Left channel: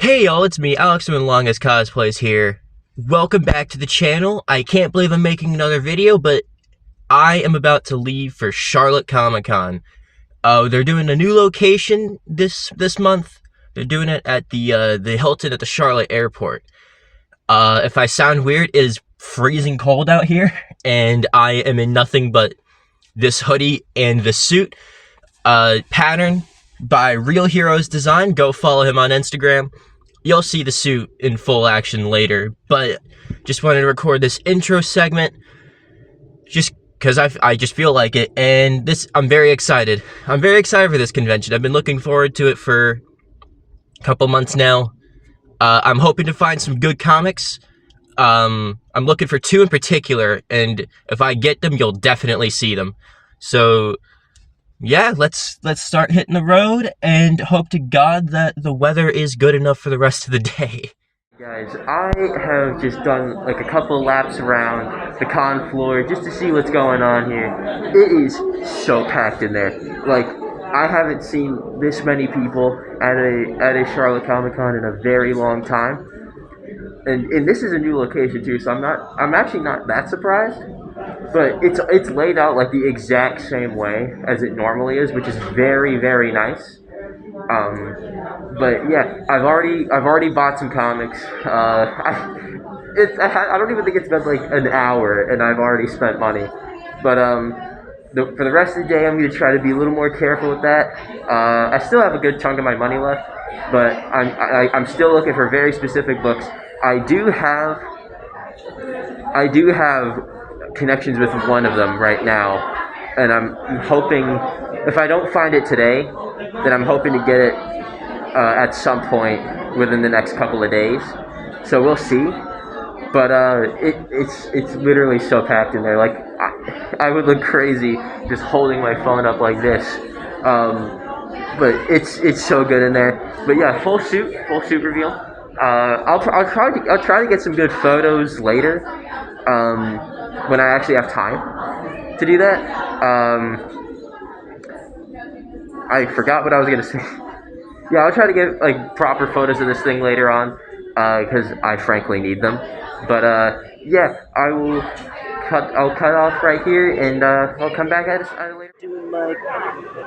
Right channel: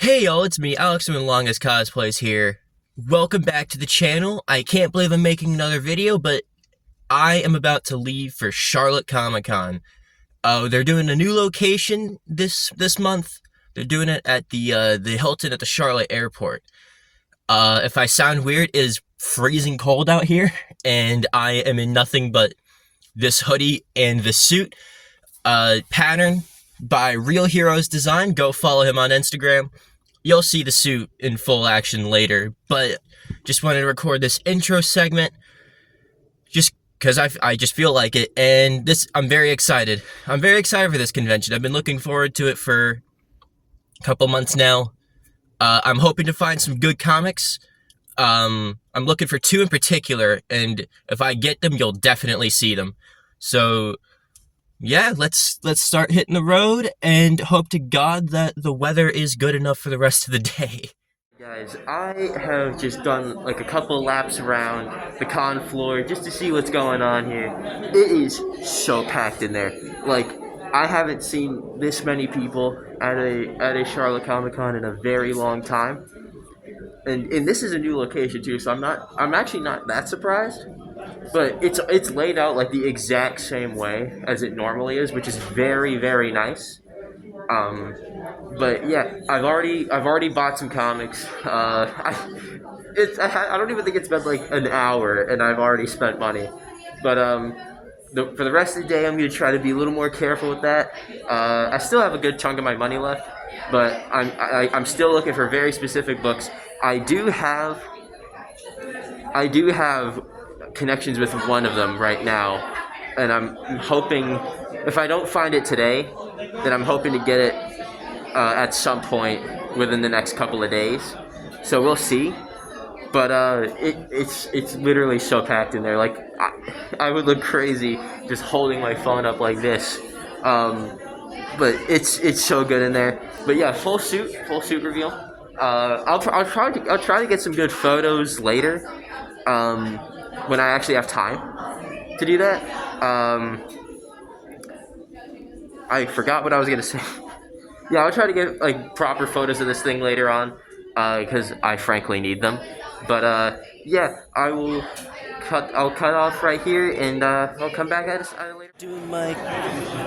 Hey y'all, it's me, Alex doing Longest Cosplays here. Welcome back to the channel. I can't believe I'm making another video, but I am about to leave for Charlotte Comic Con. They're doing a new location this month. They're doing it at the Hilton at the Charlotte Airport. If I sound weird, it is freezing cold out here, and I am in nothing but this hoodie and the suit. Pattern by Real Heroes Design. Go follow him on Instagram. You'll see the suit in full action later, but just wanted to record this intro segment just because I just feel like it, and I'm very excited. I'm very excited for this convention. I've been looking forward to it for a couple months now. I'm hoping to find some good comics. I'm looking for two in particular, and if I get them, you'll definitely see them. So yeah, let's start hitting the road and hope to God that the weather is good enough for the rest of the day. Guys, I have just done like a couple laps around the con floor just to see what's going on here. It is so packed in there. Like, I haven't seen this many people at a Charlotte Comic Con in a very long time. And this is a new location too, so I'm actually not that surprised. But it's laid out like the exact same way as it normally is, which is very nice. Um, but yeah, I've already bought some comics. I don't even think it's been like an hour, and I've already spent money. But for the rest of the day, I'm gonna try to be a little more careful with that. I still have a good chunk of my money left, but I'm still looking for very specific books. I do have connections with one of them right now, and I'm hoping if I don't find it today, then I'm hoping to get it at some point within the next couple of days. So we'll see. But it's literally so packed in there. Like I would look crazy just holding my phone up like this. But it's so good in there. But yeah, full suit reveal. I'll try to get some good photos later. Um, when I actually have time to do that. I forgot what I was gonna say. Yeah, I'll try to get like proper photos of this thing later on, because I frankly need them. But yeah, I'll cut off right here, and I'll come back at it later.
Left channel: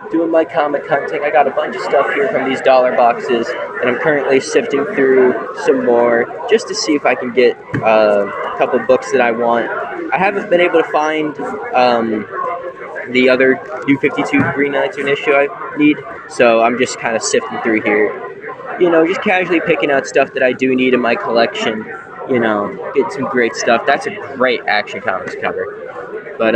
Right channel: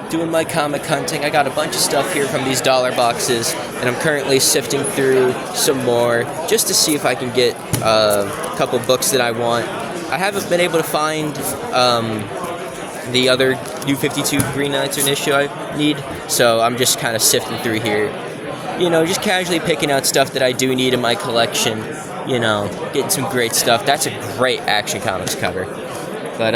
Doing my comic hunting. I got a bunch of stuff here from these dollar boxes, and I'm currently sifting through some more just to see if I can get a couple books that I want. I haven't been able to find the other New 52 Green Lantern issue I need, so I'm just kind of sifting through here. You know, just casually picking out stuff that I do need in my collection. You know, getting some great stuff. That's a great Action Comics cover. But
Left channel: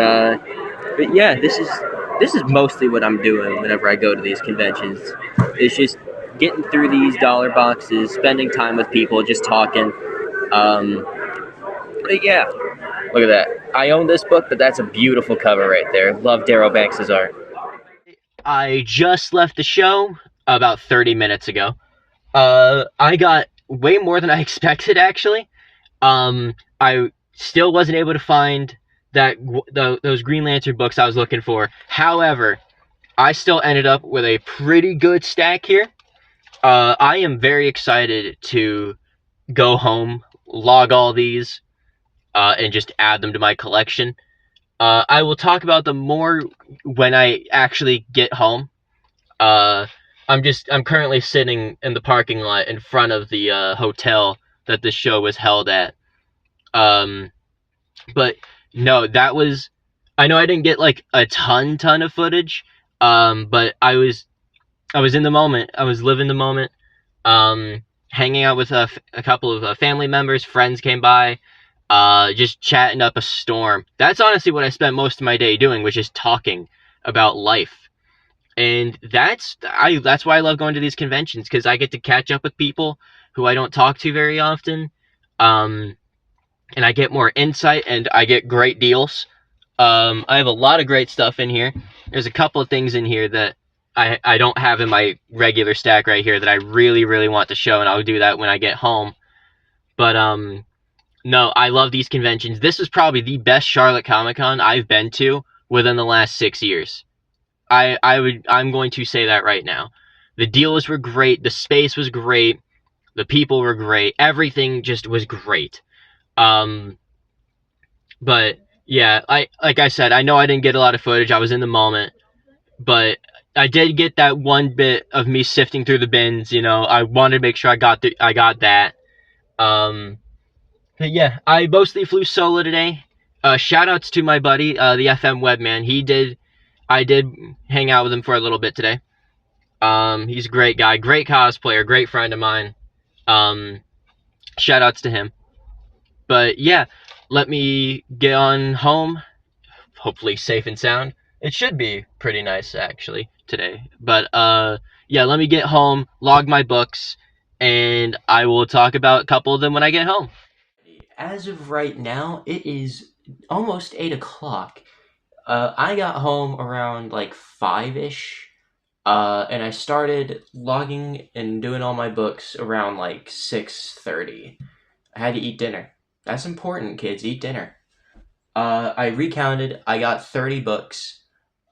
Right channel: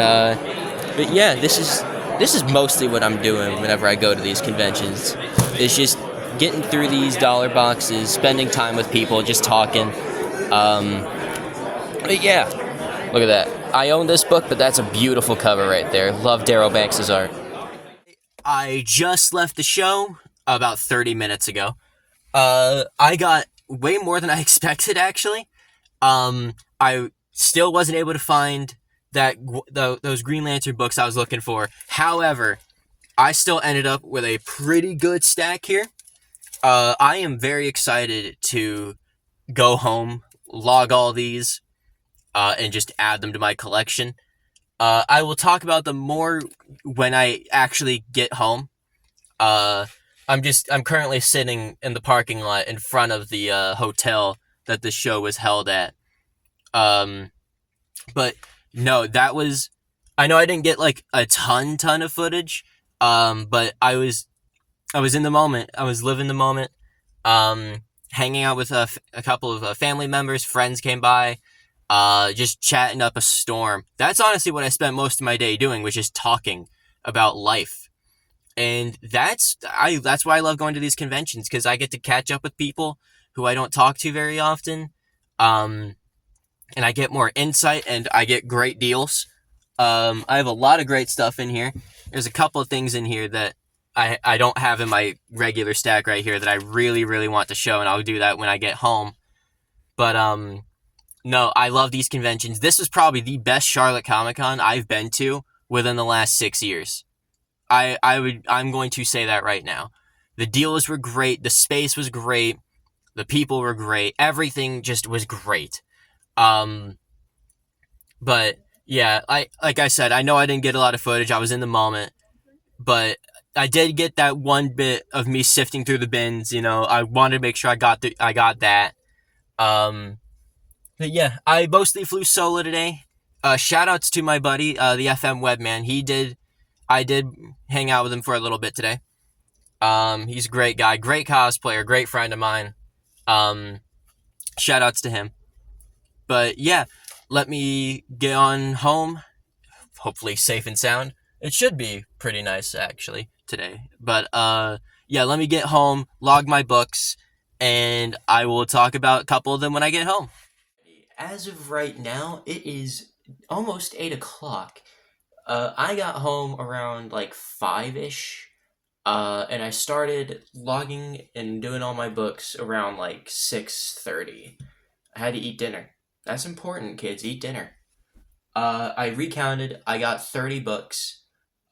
yeah, this is mostly what I'm doing whenever I go to these conventions. It's just getting through these dollar boxes, spending time with people, just talking. But yeah, look at that. I own this book, but that's a beautiful cover right there. Love Darryl Banks' art. I just left the show about 30 minutes ago. I got way more than I expected, actually. I still wasn't able to find those Green Lantern books I was looking for. However, I still ended up with a pretty good stack here. I am very excited to go home, log all these, and just add them to my collection. I will talk about them more when I actually get home. I'm currently sitting in the parking lot in front of the hotel that the show was held at. But no, I know I didn't get like a ton of footage. But I was in the moment. I was living the moment. Hanging out with a couple of family members, friends came by. Just chatting up a storm. That's honestly what I spent most of my day doing, was just talking about life. And that's why I love going to these conventions, because I get to catch up with people who I don't talk to very often. And I get more insight, and I get great deals. I have a lot of great stuff in here. There's a couple of things in here that I don't have in my regular stack right here that I really want to show, and I'll do that when I get home. But no, I love these conventions. This is probably the best Charlotte Comic Con I've been to within the last 6 years. I'm going to say that right now. The deals were great. The space was great. The people were great. Everything just was great. Um, but yeah, like I said, I know I didn't get a lot of footage. I was in the moment, but I did get that one bit of me sifting through the bins. I wanted to make sure I got that. Um, but yeah, I mostly flew solo today. Shout outs to my buddy, the FM Webman. I did hang out with him for a little bit today. He's a great guy, great cosplayer, great friend of mine. Um, Shout outs to him. But yeah, let me get on home, hopefully safe and sound. It should be pretty nice actually today. But yeah, let me get home, log my books, and I will talk about a couple of them when I get home. As of right now, it is almost 8 o'clock. I got home around like 5-ish. And I started logging and doing all my books around like 6:30. I had to eat dinner. That's important, kids. Eat dinner. I recounted. I got 30 books.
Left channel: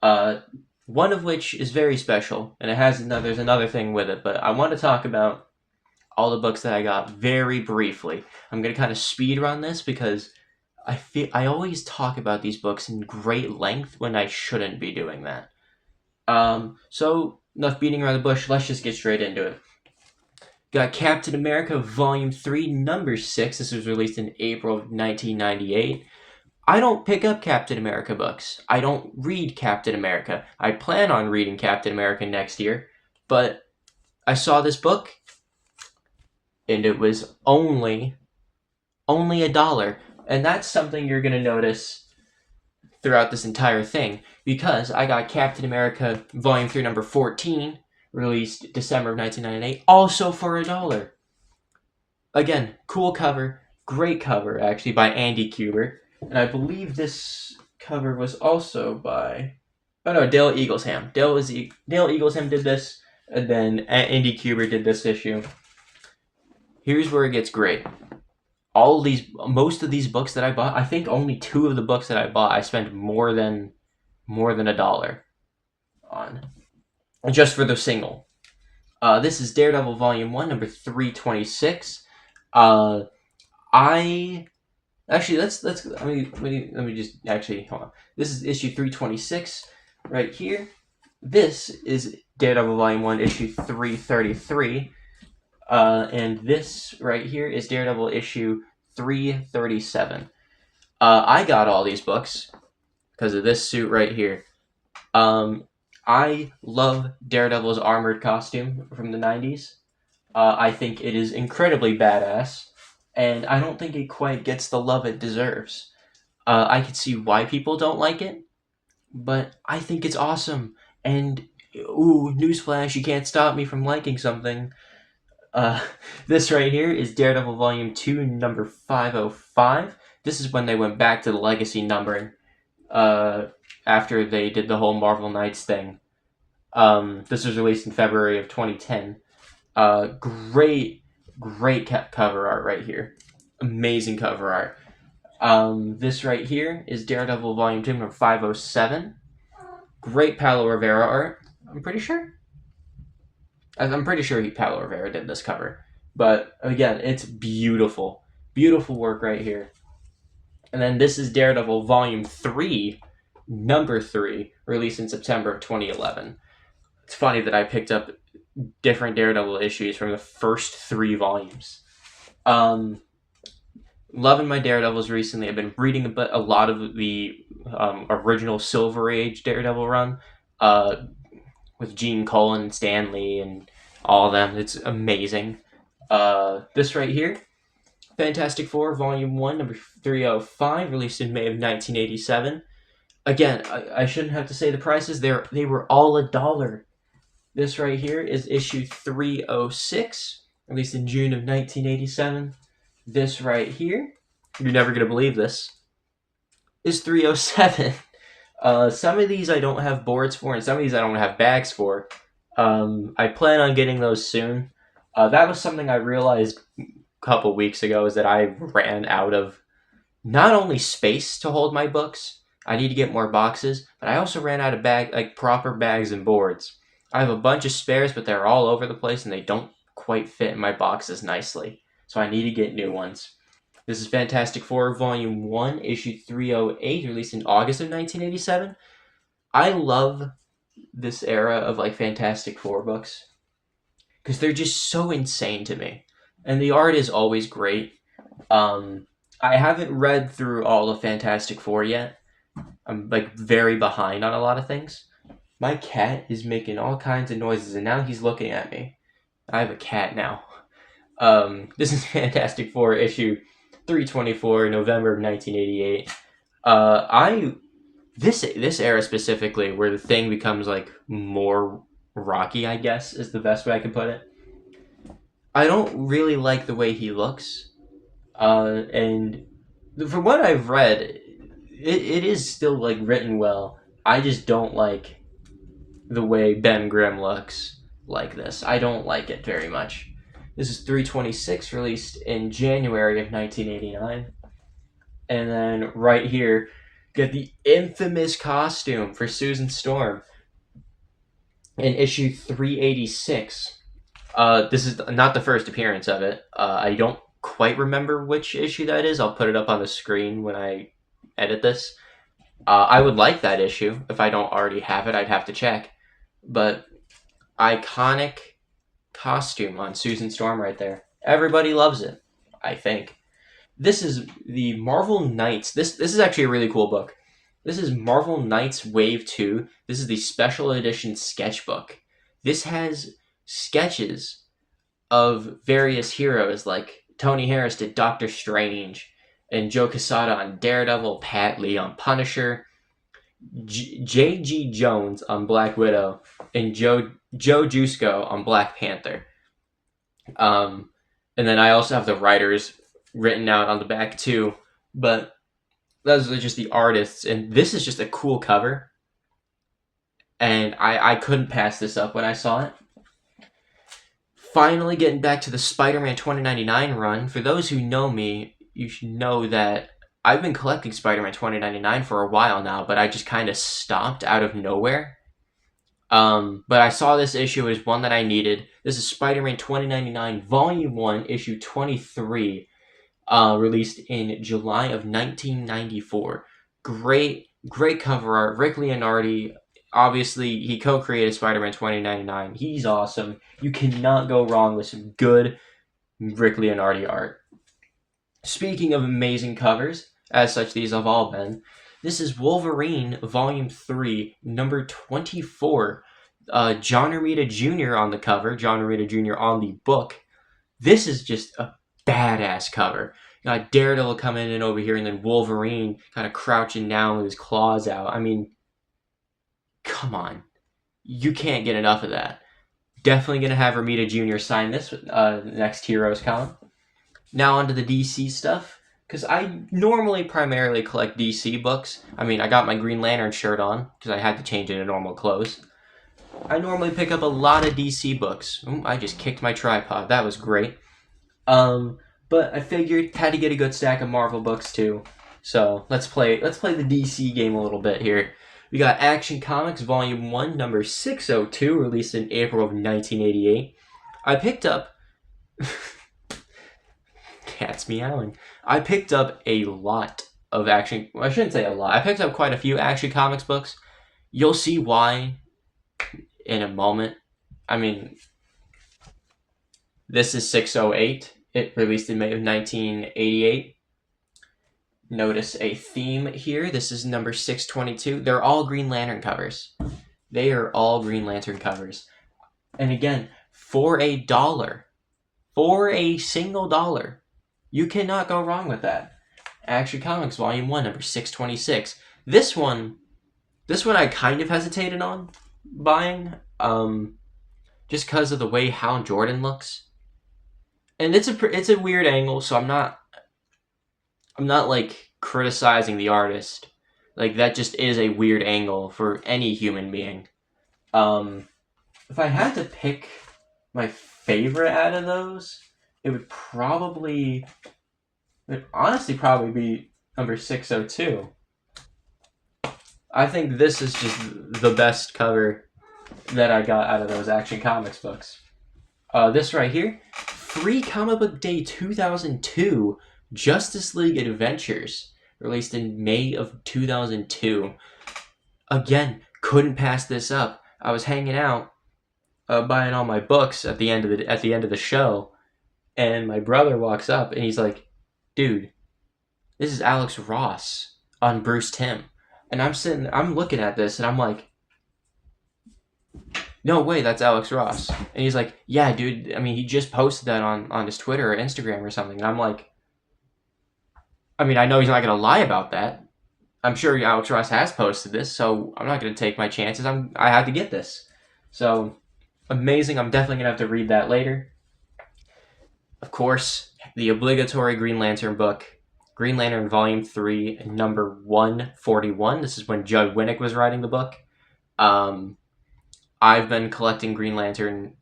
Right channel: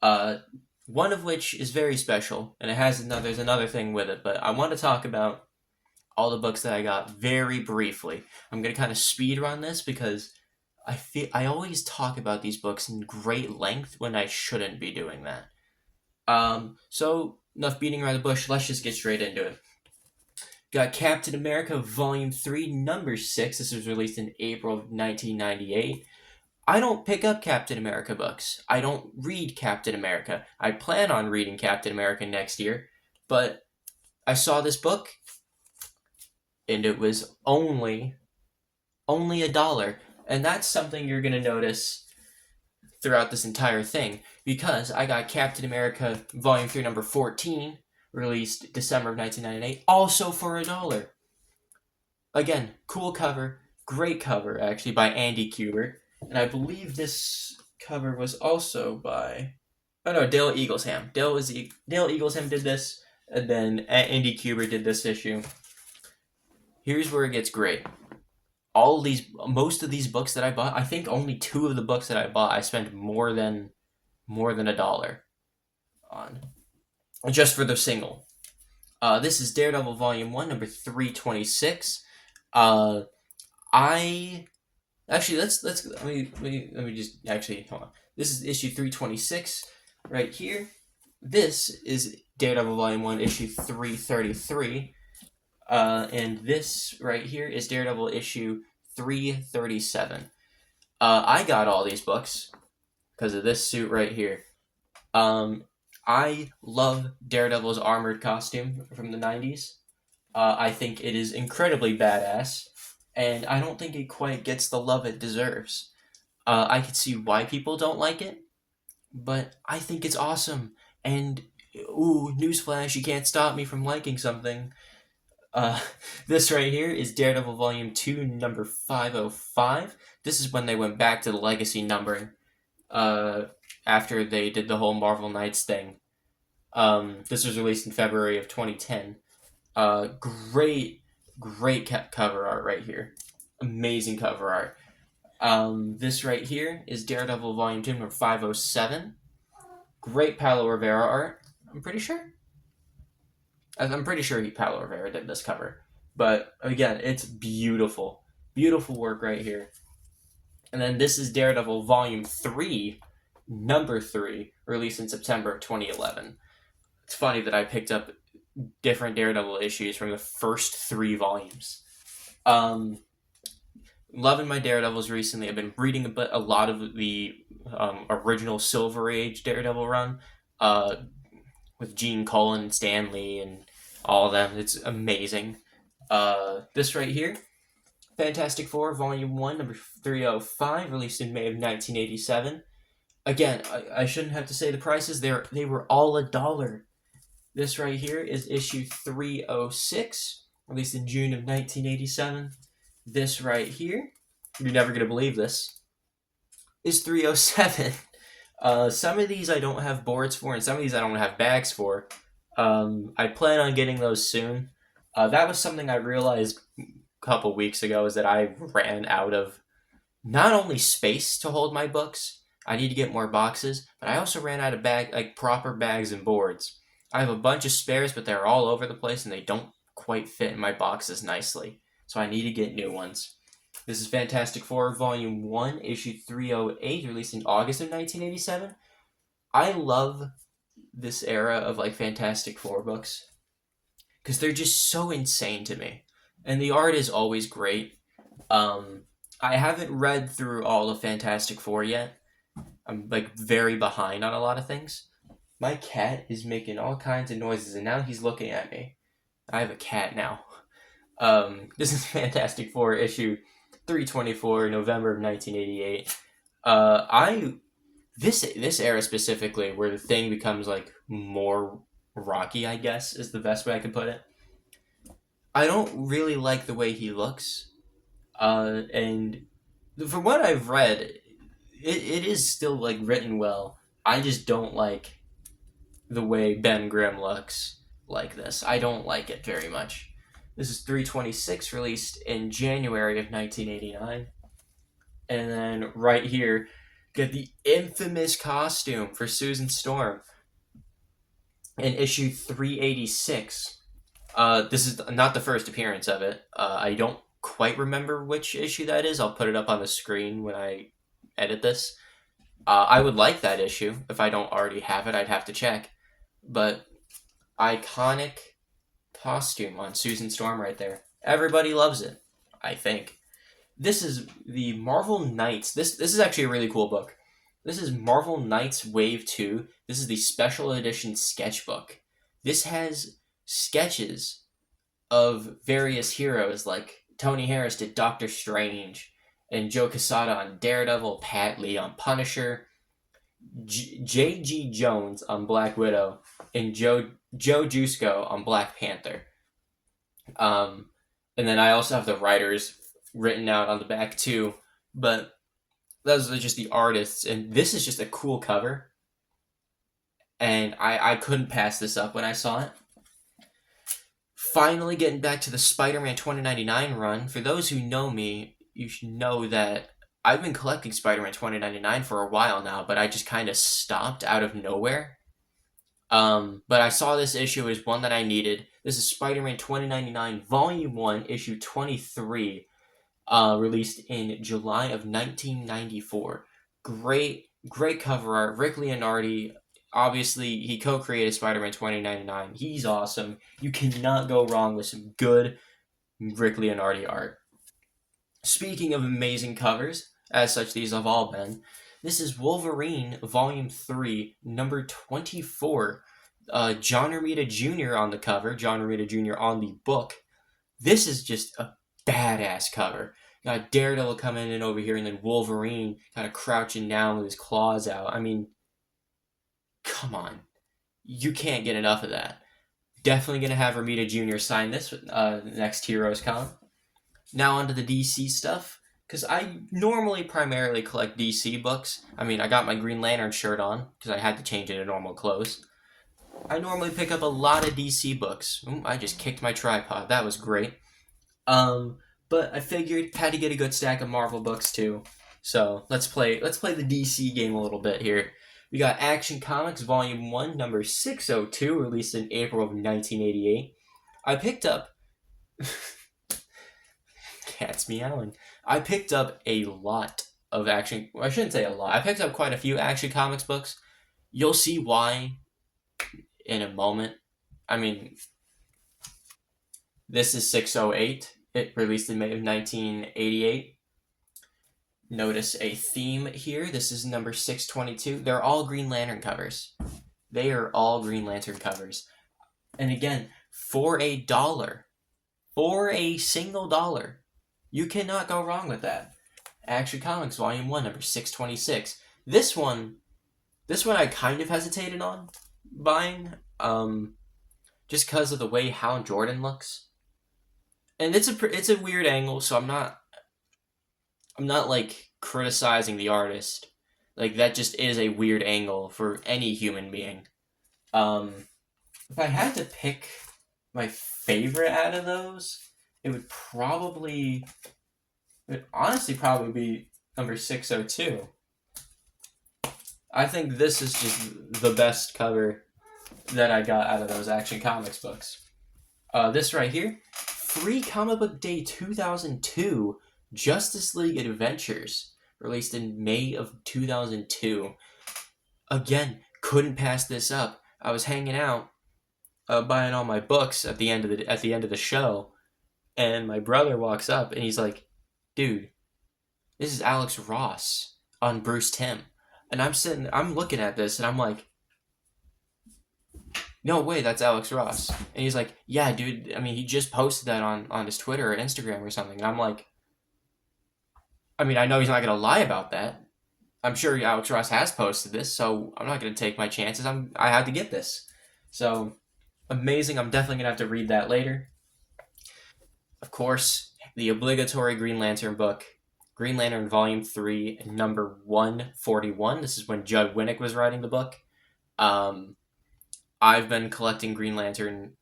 One of which is very special, and there's another thing with it. But I want to talk about all the books that I got very briefly. I'm gonna kind of speed run this because I always talk about these books in great length when I shouldn't be doing that. So enough beating around the bush. Let's just get straight into it. Got Captain America Volume 3, Number 6. This was released in April of 1998. I don't pick up Captain America books. I don't read Captain America. I plan on reading Captain America next year, but I saw this book, and it was only $1. And that's something you're going to notice throughout this entire thing, because I got Captain America Volume 3, Number 14, released December of 1998, also for $1. Again, cool cover, great cover, actually, by Andy Kubert. And I believe this cover was also by... Oh no, Dale Eaglesham. Dale Eaglesham did this, and then Andy Kubert did this issue. Here's where it gets great. Most of these books that I bought, I think only 2 of the books that I bought, I spent more than $1 on, just for the single. This is Daredevil Volume 1, number 326. Actually, let me just actually hold on. This is issue 326 right here. This is Daredevil Volume 1, issue 333. And this right here is Daredevil issue 337. I got all these books because of this suit right here. I love Daredevil's armored costume from the 90s. I think it is incredibly badass, and I don't think it quite gets the love it deserves. I can see why people don't like it, but I think it's awesome. And, ooh, newsflash, you can't stop me from liking something. This right here is Daredevil Volume 2, number 505. This is when they went back to the legacy numbering, after they did the whole Marvel Knights thing. This was released in February of 2010. Great cover art right here. Amazing cover art. This right here is Daredevil Volume 2, number 507. Great Paulo Rivera art, I'm pretty sure. I'm pretty sure Paulo Rivera did this cover. But again, it's beautiful. Beautiful work right here. And then this is Daredevil Volume 3, number 3, released in September of 2011. It's funny that I picked up different Daredevil issues from the first 3 volumes. Loving my Daredevils recently. I've been reading a lot of the original Silver Age Daredevil run, with Gene Colan and Stan Lee and all of them. It's amazing. This right here, Fantastic Four, Volume 1, number 305, released in May of 1987. Again, I shouldn't have to say the prices. They were all $1. This right here is issue 306, released in June of 1987. This right here, you're never going to believe this, is 307. Some of these I don't have boards for, and some of these I don't have bags for. I plan on getting those soon. That was something I realized a couple weeks ago, is that I ran out of not only space to hold my books, I need to get more boxes, but I also ran out of proper bags and boards. I have a bunch of spares, but they're all over the place, and they don't quite fit in my boxes nicely, so I need to get new ones. This is Fantastic Four Volume 1, Issue 308, released in August of 1987. I love this era of like Fantastic Four books because they're just so insane to me, and the art is always great. I haven't read through all of Fantastic Four yet. I'm like very behind on a lot of things. My cat is making all kinds of noises, and now he's looking at me. I have a cat now. This is Fantastic Four issue 324, November of 1988. This era specifically, where the Thing becomes like more rocky, I guess is the best way I can put it. I don't really like the way he looks, and from what I've read, it is still like written well. I just don't like the way Ben Grimm looks like this. I don't like it very much. This is 326, released in January of 1989. And then right here, get the infamous costume for Susan Storm in issue 386. This is not the first appearance of it. I don't quite remember which issue that is. I'll put it up on the screen when I edit this. I would like that issue. If I don't already have it, I'd have to check. But iconic costume on Susan Storm right there. Everybody loves it, I think. This is the Marvel Knights. This is actually a really cool book. This is Marvel Knights Wave 2. This is the special edition sketchbook. This has sketches of various heroes, like Tony Harris did Doctor Strange, and Joe Quesada on Daredevil, Pat Lee on Punisher, J.G. Jones on Black Widow, and Joe Jusko on Black Panther. And then I also have the writers written out on the back too, but those are just the artists, and this is just a cool cover, and I couldn't pass this up when I saw it. Finally getting back to the Spider-Man 2099 run. For those who know me, you should know that I've been collecting Spider-Man 2099 for a while now, but I just kind of stopped out of nowhere. But I saw this issue as one that I needed. This is Spider-Man 2099 Volume 1, Issue 23, released in July of 1994. Great cover art. Rick Leonardi, obviously, he co-created Spider-Man 2099. He's awesome. You cannot go wrong with some good Rick Leonardi art. Speaking of amazing covers, as such these have all been, this is Wolverine Volume 3, number 24. John Romita Jr. on the cover, John Romita Jr. on the book. This is just a badass cover. You got Daredevil coming in over here, and then Wolverine kind of crouching down with his claws out. I mean, come on. You can't get enough of that. Definitely going to have Romita Jr. sign this next Heroes comic. Now onto the DC stuff, because I normally primarily collect DC books. I mean, I got my Green Lantern shirt on, because I had to change into normal clothes. I normally pick up a lot of DC books. Ooh, I just kicked my tripod. That was great. But I figured had to get a good stack of Marvel books too. So let's play the DC game a little bit here. We got Action Comics Volume 1, number 602, released in April of 1988. I picked up... Cat's meowing. I picked up a lot of Action... I shouldn't say a lot. I picked up quite a few Action Comics books. You'll see why in a moment. I mean, this is 608. It released in May of 1988. Notice a theme here. This is number 622. They're all Green Lantern covers. They are all Green Lantern covers. And again, for $1, for a single dollar, you cannot go wrong with that. Action Comics Volume 1, number 626. This one I kind of hesitated on buying, just because of the way Hal Jordan looks. And it's a weird angle, so I'm not like criticizing the artist. Like, that just is a weird angle for any human being. If I had to pick my favorite out of those, it would honestly probably be number 602. I think this is just the best cover that I got out of those Action Comics books. This right here, Free Comic Book Day 2002, Justice League Adventures, released in May of 2002. Again, couldn't pass this up. I was hanging out, buying all my books at the end of the show, and my brother walks up and he's like, "Dude, this is Alex Ross on Bruce Timm," and I'm looking at this and I'm like, "No way, that's Alex Ross." And he's like, "Yeah, dude. I mean, he just posted that on his Twitter or Instagram or something." And I'm like, I mean, I know he's not gonna lie about that. I'm sure Alex Ross has posted this, so I'm not gonna take my chances. I had to get this, so amazing. I'm definitely gonna have to read that later. Of course, the obligatory Green Lantern book, Green Lantern Volume 3, number 141. This is when Judd Winnick was writing the book. I've been collecting Green Lantern,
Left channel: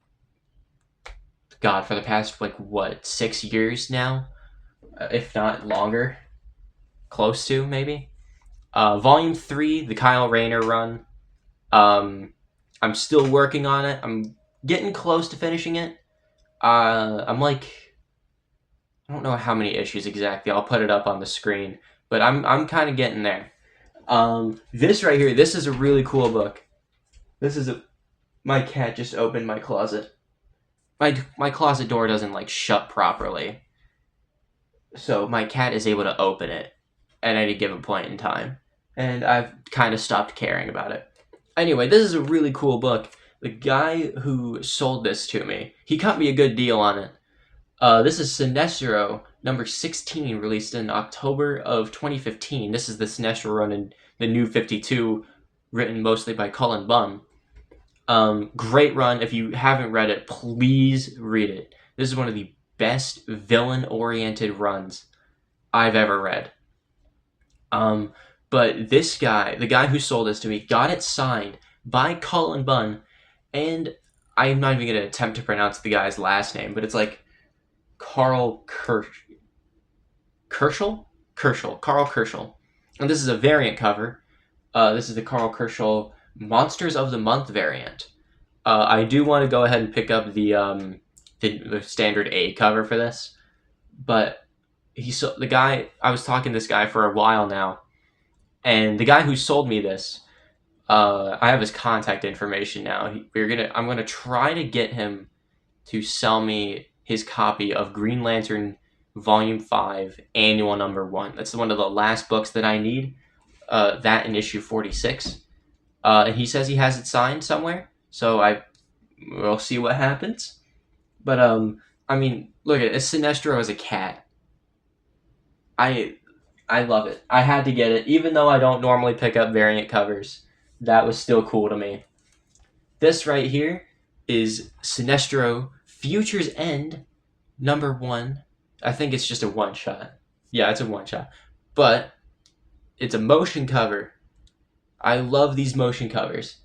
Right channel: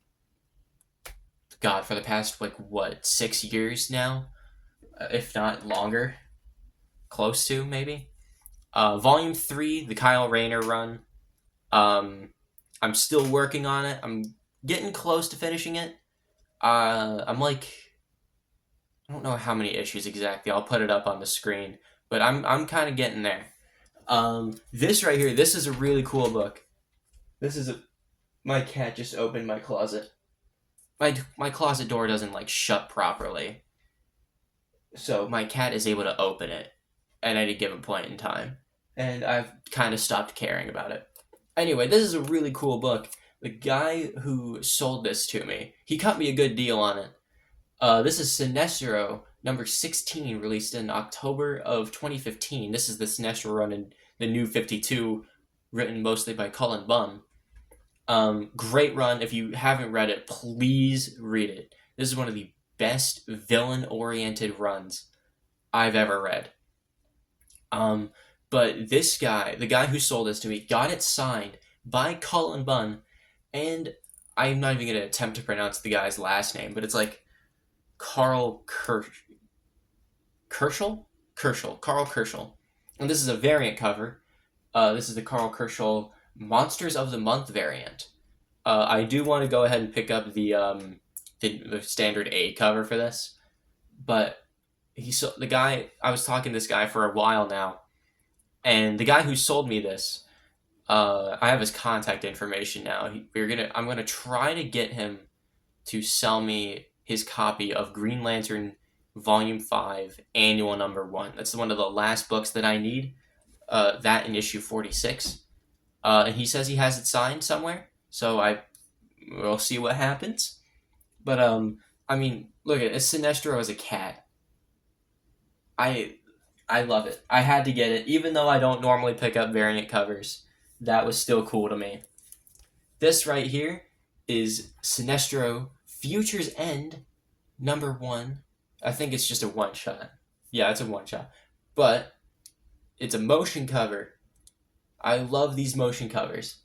for the past, 6 years now? If not longer. Close to, maybe. Volume 3, the Kyle Rayner run. I'm still working on it. I'm getting close to finishing it. I'm like, I don't know how many issues exactly. I'll put it up on the screen, but I'm kind of getting there. This right here, this is a really cool book. My cat just opened my closet. My closet door doesn't shut properly, so my cat is able to open it at any given point in time, and I've kind of stopped caring about it. Anyway, this is a really cool book. The guy who sold this to me, he cut me a good deal on it. This is Sinestro number 16, released in October of 2015. This is the Sinestro run in the New 52, written mostly by Cullen Bunn. Great run. If you haven't read it, please read it. This is one of the best villain-oriented runs I've ever read. But this guy, the guy who sold this to me, got it signed by Cullen Bunn, and I'm not even going to attempt to pronounce the guy's last name, but it's like Carl Kerschel? Carl Kerschel. And this is a variant cover. This is the Carl Kerschel Monsters of the Month variant. I do want to go ahead and pick up the standard A cover for this, but I was talking to this guy for a while now, and the guy who sold me this, I have his contact information now. I'm gonna try to get him to sell me his copy of Green Lantern Volume 5, Annual Number 1. That's one of the last books that I need. That in issue 46. And he says he has it signed somewhere, so we'll see what happens. But I mean, look at it. Sinestro as a cat. I love it. I had to get it, even though I don't normally pick up variant covers. That was still cool to me. This right here is Sinestro Future's End, number 1. I think it's just a one-shot. Yeah, it's a one-shot. But it's a motion cover. I love these motion covers.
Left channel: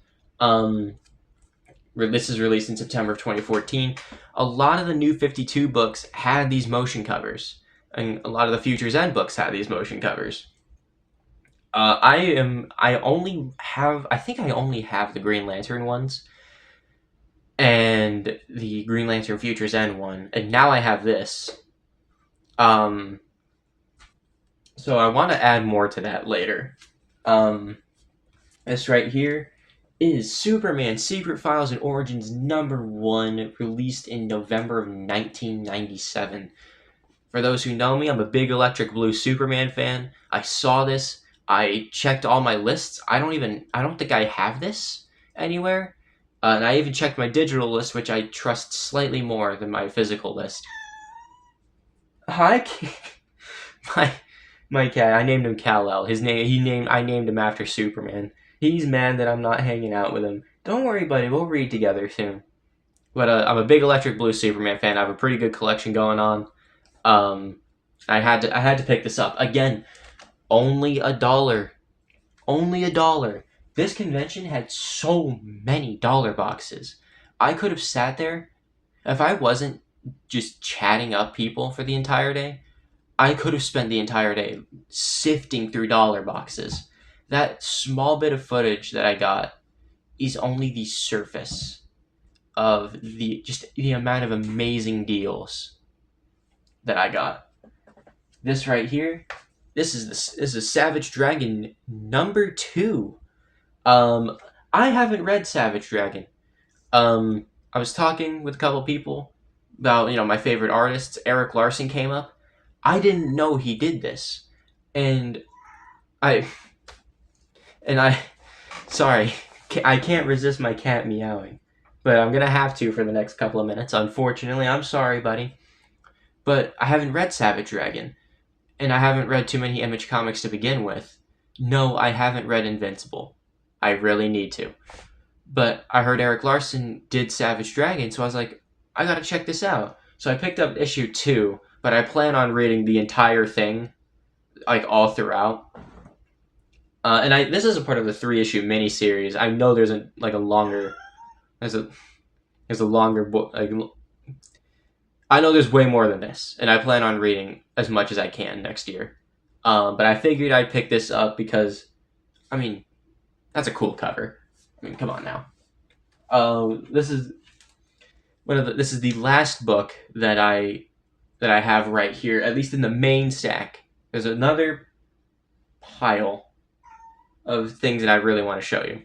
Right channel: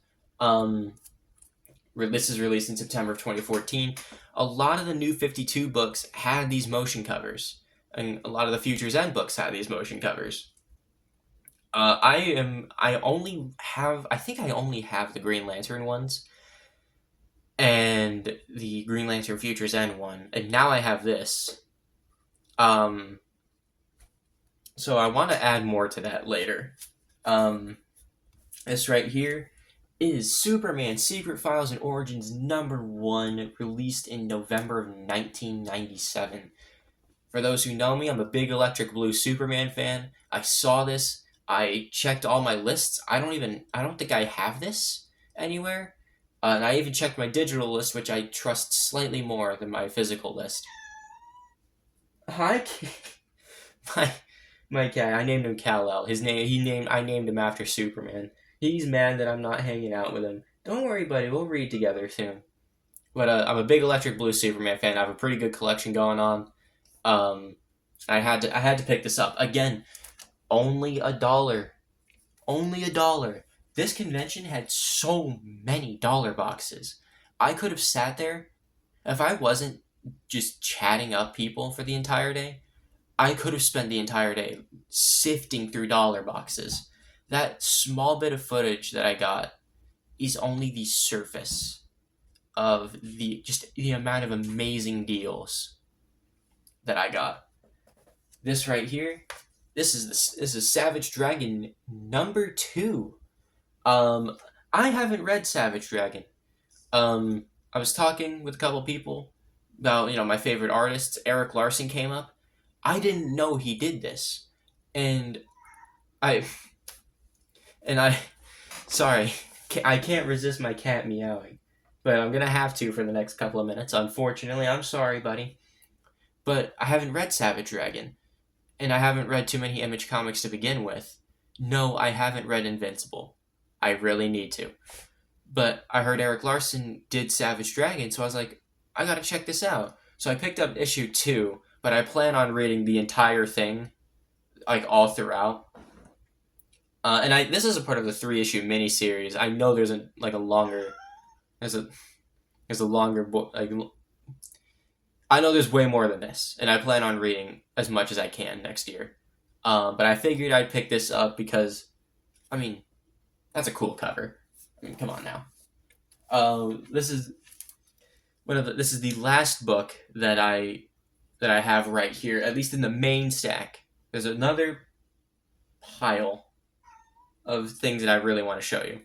This is released in September of 2014. A lot of the New 52 books had these motion covers, and a lot of the Future's End books had these motion covers. I only have the Green Lantern ones and the Green Lantern Future's End one, and now I have this. So I want to add more to that later. This right here is Superman Secret Files and Origins number 1, released in November of 1997. For those who know me, I'm a big Electric Blue Superman fan. I saw this. I checked all my lists. I don't think I have this anywhere. And I even checked my digital list, which I trust slightly more than my physical list. Hi, my cat. I named him Kal-El. I named him after Superman. He's mad that I'm not hanging out with him. Don't worry, buddy. We'll read together soon. But I'm a big Electric Blue Superman fan. I have a pretty good collection going on. I had to pick this up again. Only $1. Only $1. This convention had so many dollar boxes. I could have sat there, if I wasn't just chatting up people for the entire day, I could have spent the entire day sifting through dollar boxes. That small bit of footage that I got is only the surface of the amount of amazing deals that I got. This right here, this is a Savage Dragon #2. Um, I haven't read Savage Dragon. I was talking with a couple people about my favorite artists. Eric Larson came up. I didn't know he did this, and I and I sorry, I can't resist my cat meowing, but I'm gonna have to for the next couple of minutes. Unfortunately, I'm sorry, buddy, but I haven't read Savage Dragon, and I haven't read too many Image comics to begin with. No, I haven't read Invincible. I really need to. But I heard Eric Larson did Savage Dragon, so I was like, I gotta check this out. So I picked up issue 2, but I plan on reading the entire thing, like all throughout. And this is a part of the 3-issue miniseries. I know there's a longer, there's a longer book. Like, I know there's way more than this, and I plan on reading as much as I can next year. But I figured I'd pick this up because, I mean, that's a cool cover. I mean, come on now. This is the last book that I have right here, at least in the main stack. There's another pile of things that I really want to show you.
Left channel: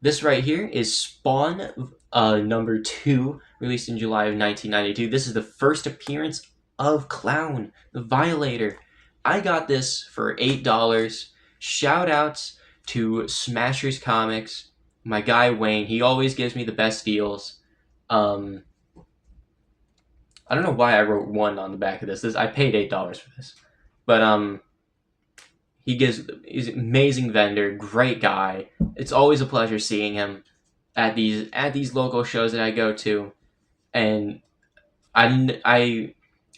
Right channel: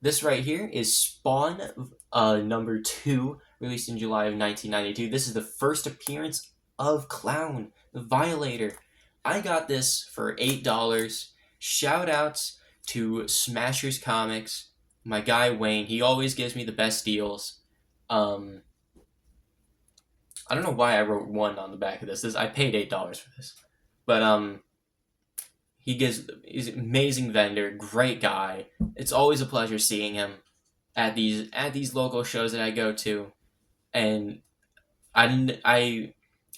This right here is Spawn #2, released in July of 1992. This is the first appearance of Clown, the Violator. I got this for $8. Shout outs to Smashers Comics, my guy Wayne. He always gives me the best deals. I don't know why I wrote 1 on the back of this. I paid $8 for this, but he's an amazing vendor, great guy. It's always a pleasure seeing him at these local shows that I go to, and I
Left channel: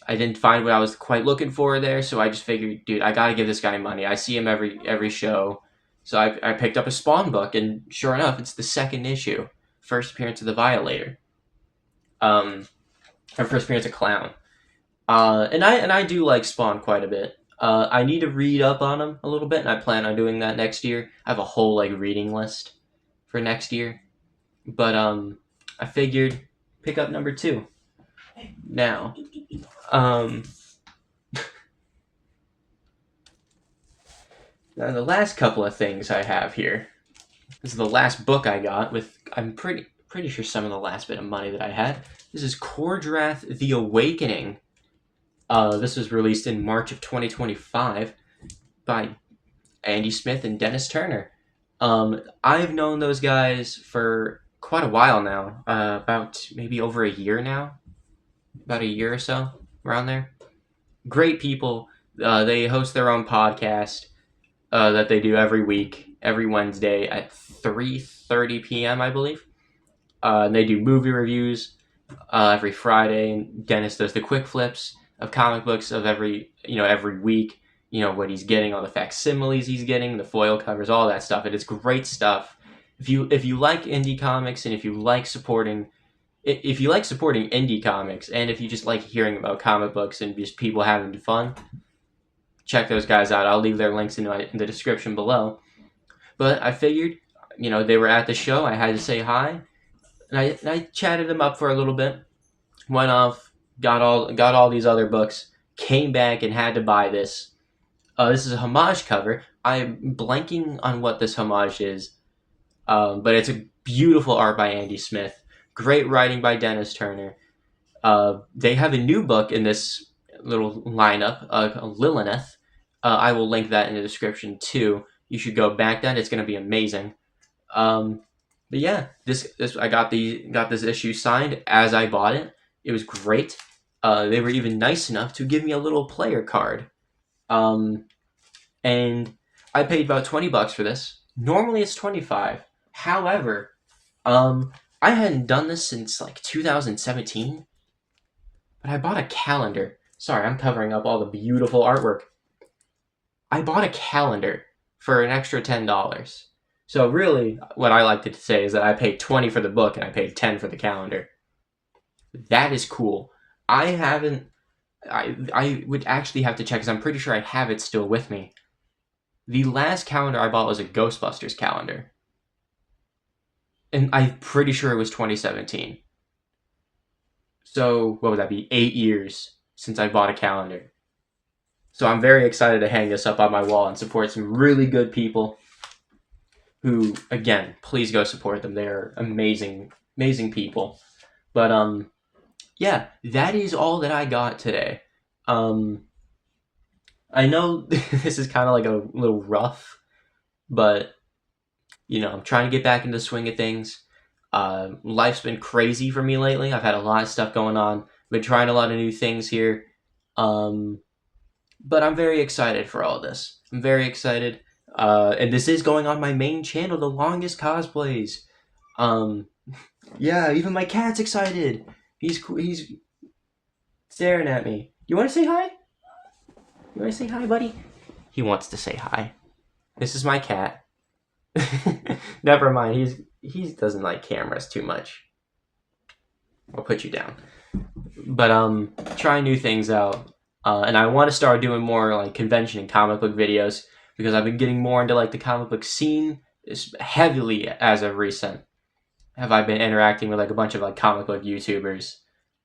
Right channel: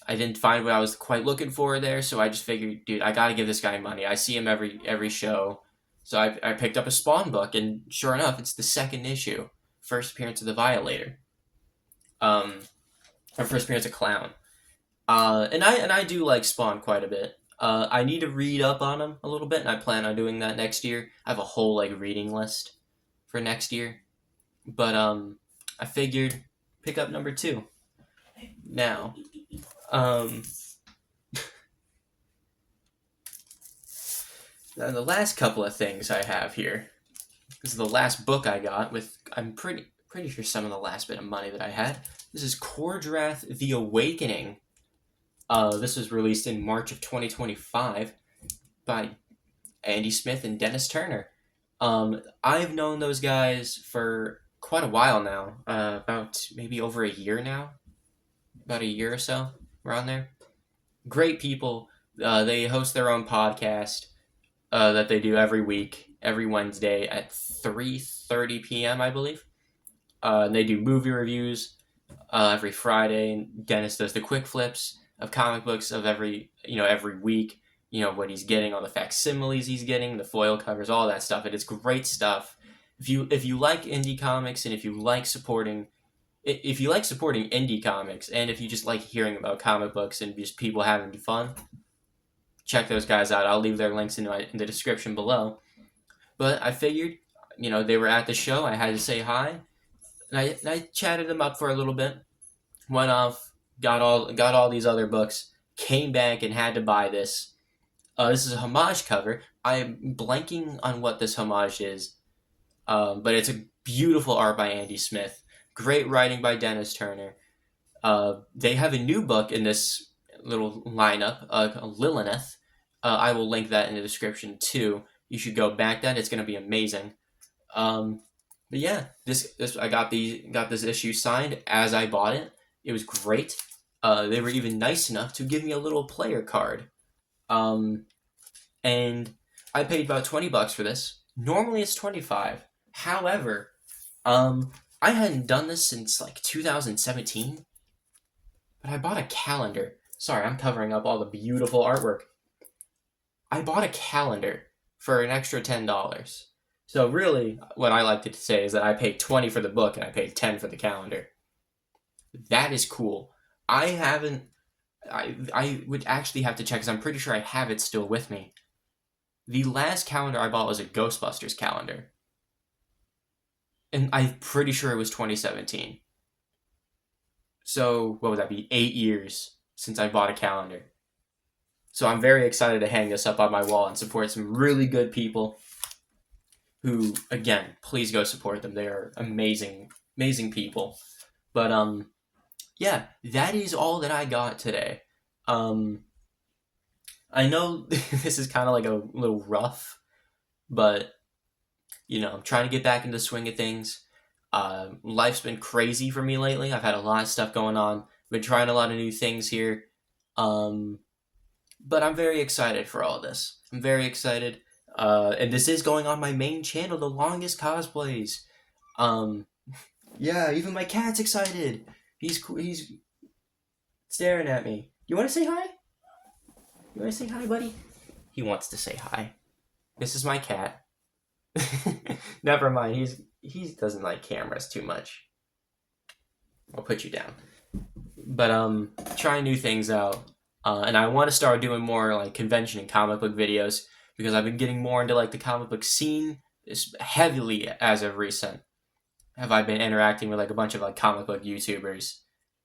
didn't find what I was quite looking for there, so I just figured, dude, I gotta give this guy money. I see him every show, so I picked up a Spawn book, and sure enough, it's the 2nd issue, first appearance of the Violator, her first appearance of Clown, and I do like Spawn quite a bit. I need to read up on him a little bit, and I plan on doing that next year. I have a whole reading list for next year, but I figured pick up #2 now. Now the last couple of things I have here. This is the last book I got with. I'm pretty sure some of the last bit of money that I had. This is Kordrath: The Awakening. This was released in March of 2025 by Andy Smith and Dennis Turner. I've known those guys for quite a while now, about maybe over a year now, about a year or so, around there. Great people. They host their own podcast that they do every week, every Wednesday at 3:30 p.m., I believe. And they do movie reviews every Friday, and Dennis does the quick flips of comic books of every week. What he's getting, all the facsimiles he's getting, the foil covers, all that stuff. It is great stuff. If you like indie comics, and if you like supporting indie comics, and if you just like hearing about comic books and just people having fun, check those guys out. I'll leave their links in the description below. But I figured, they were at the show. I had to say hi, and I chatted them up for a little bit. Went off, got all these other books, came back and had to buy this. This is a homage cover. I'm blanking on what this homage is, but it's a beautiful art by Andy Smith. Great writing by Dennis Turner. They have a new book in this little lineup, Lilith. I will link that in the description too. You should go back then. It's going to be amazing. But yeah, this I got this issue signed as I bought it. It was great. They were even nice enough to give me a little player card. And I paid about $20 for this. Normally it's $25. However, I hadn't done this since 2017. But I bought a calendar. Sorry, I'm covering up all the beautiful artwork. I bought a calendar for an extra $10. So really, what I like to say is that I paid $20 for the book and I paid $10 for the calendar. That is cool. I would actually have to check, because I'm pretty sure I have it still with me. The last calendar I bought was a Ghostbusters calendar. And I'm pretty sure it was 2017. So what would that be? 8 years since I bought a calendar. So I'm very excited to hang this up on my wall and support some really good people who, again, please go support them. They're amazing, amazing people. But yeah, that is all that I got today. I know this is kind of like a little rough, but I'm trying to get back into the swing of things. Life's been crazy for me lately. I've had a lot of stuff going on. Been trying a lot of new things here. But I'm very excited for all this. I'm very excited. And this is going on my main channel, The Longest Cosplays. Yeah, even my cat's excited. He's staring at me. You want to say hi? You want to say hi, buddy? He wants to say hi. This is my cat. Never mind. He doesn't like cameras too much. I'll put you down. But trying new things out. And I want to start doing more like convention and comic book videos because I've been getting more into like the comic book scene heavily as of recent. Have I been interacting with like a bunch of like comic book YouTubers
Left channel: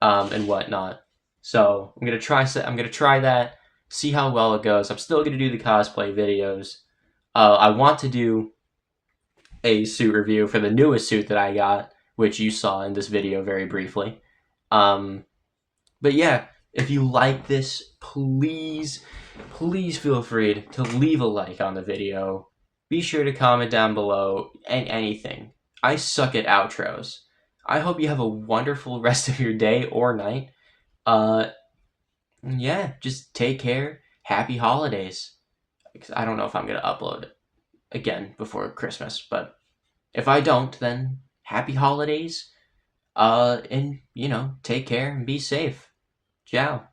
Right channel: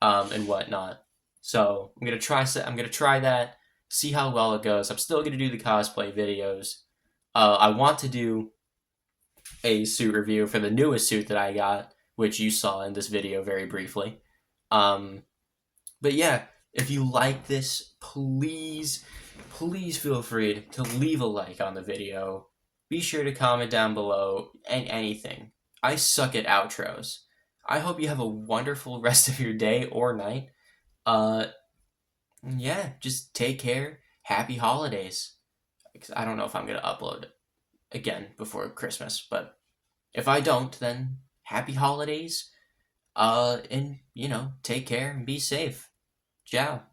and whatnot. So I'm gonna try that, see how well it goes. I'm still gonna do the cosplay videos. I want to do a suit review for the newest suit that I got, which you saw in this video very briefly. But yeah, if you like this, please feel free to leave a like on the video. Be sure to comment down below and anything. I suck at outros. I hope you have a wonderful rest of your day or night. Yeah, just take care. Happy holidays. I don't know if I'm going to upload again before Christmas, but if I don't, then happy holidays. And, take care and be safe. Ciao.